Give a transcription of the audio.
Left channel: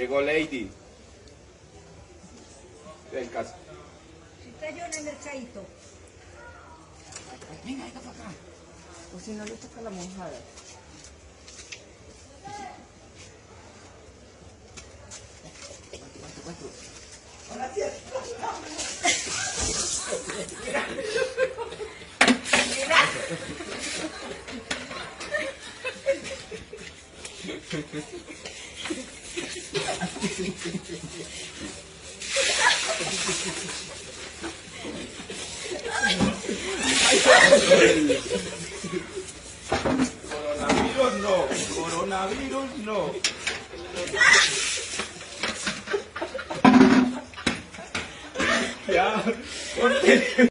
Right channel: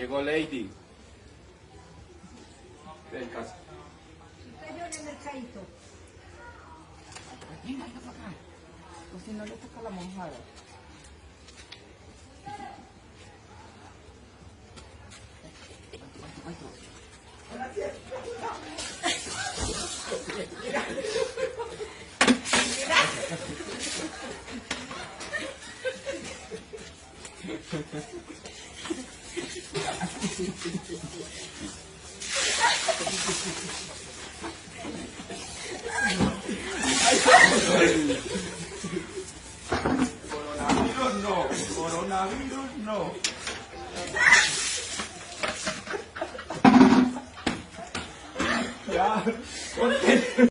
Llegó Lady. Del caso. Usted yo en el mercadito. Venga, venga para acá. O si no le toca la mojada. Coronavirus no, coronavirus no. Ya, ponte.